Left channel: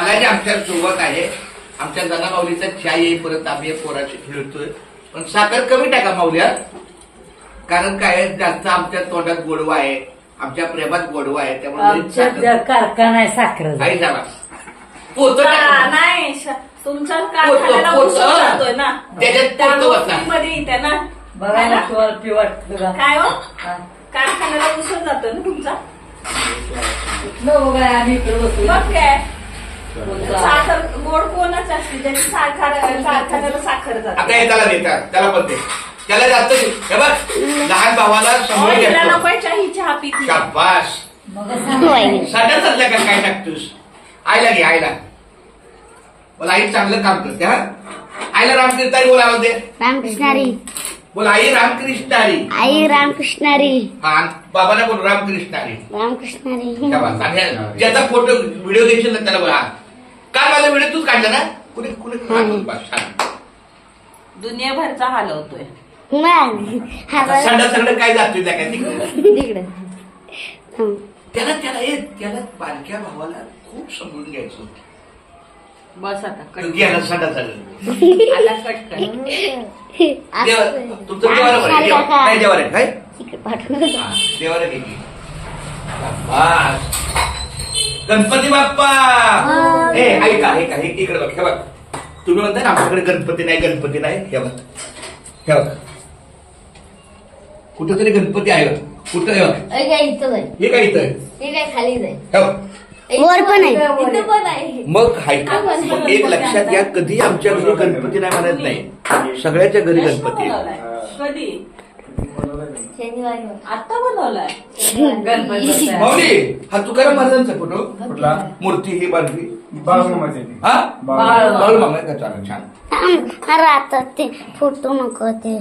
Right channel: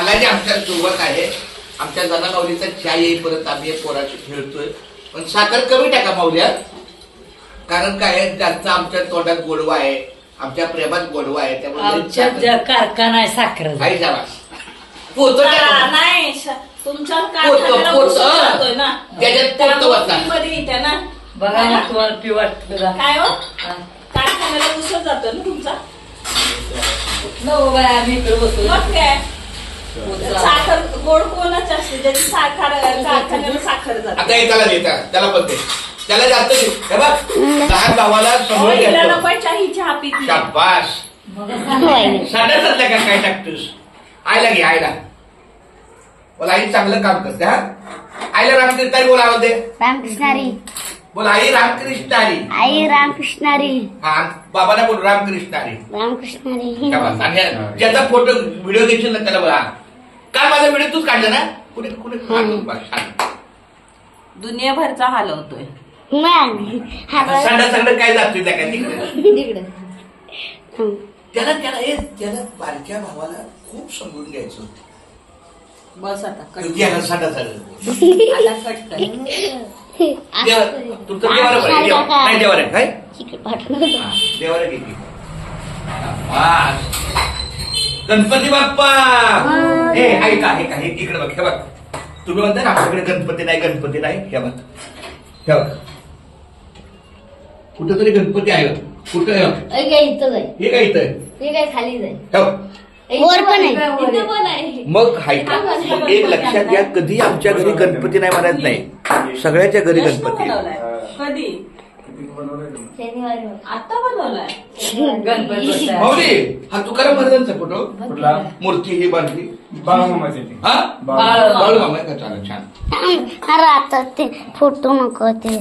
आगाची आमच्या सुरुवात आहे. आमच्या जनामाऊलीचा चहा येईपर्यंत आम्ही पोराशी खेळतोय. पण साखर कमी टाका माऊल्या, कारण काय जास्त आमच्या तोंडात गोडवा आहे, आमच्या प्रेमात गोडवा आहे. त्यामुळे कारखाना आहे साखर काही जावा पोत नाही तुमच्या कारखान्याला उसळ जातोय ना, मध्ये येते ना. बघा ना तुम्हाला पिवट काय हो कारखान्याला उसळ जातोय ना तुमचा. आम्ही मग काय साखर गोड कोणाची असते ज्याची साखर कारखान्याला साखर जाते. आता त्याला देतात, त्याला पण त्याला जात लहान भावाला ही चहा पिती. शाबास साध्यातल्या काय टाकतोस. आईला घे, आईला बोला आई चांगलं काम करते. हा आईला रामकृष्णारी बोलावं दे. रामकृष्णारी बोल आई रामकृष्णारी. आई रामकृष्णारी. हा बाबाला बोल रामकृष्णारी. रामकृष्णारी. ज्याचा फोटो व्हिडिओ देशील ना त्याला बोला. काय माझा व्हिडिओ तूच काढला ना. कुठे कुठे दुनियाभरचा हलवतोय. सगळं काय जातोय त्या काय तिकडे त्याला त्याला बारक्या भावाला खूप समजून घ्यायचं होतं. बस आता गेला साडा सगळं तुमचं देवार आहे काय देवाला गेली. गणपती बाप्पा हे ऐका ऐका हे इकडे बघ. हे बघ तुम्ही म्हणता ना आपल्याकडे गणपती नाही गणपती नाही. हे बघ हे बघ कुठंतरी गणपती आहे. कुठं हे काय इथं खाली जाईल. वर पण आहे. मग मग एक लक्षात घ्या, कधी आमच्या घरी गणपती नाही म्हणत नाही, सगळ्याच्या घरी गणपती. कधी आता बनवलाय गणपती. माऊली हा तुकाराम महाराजांचा फोटो मूर्ती ही बाजली बाळू मामा. छान आता ते फोटो नको ते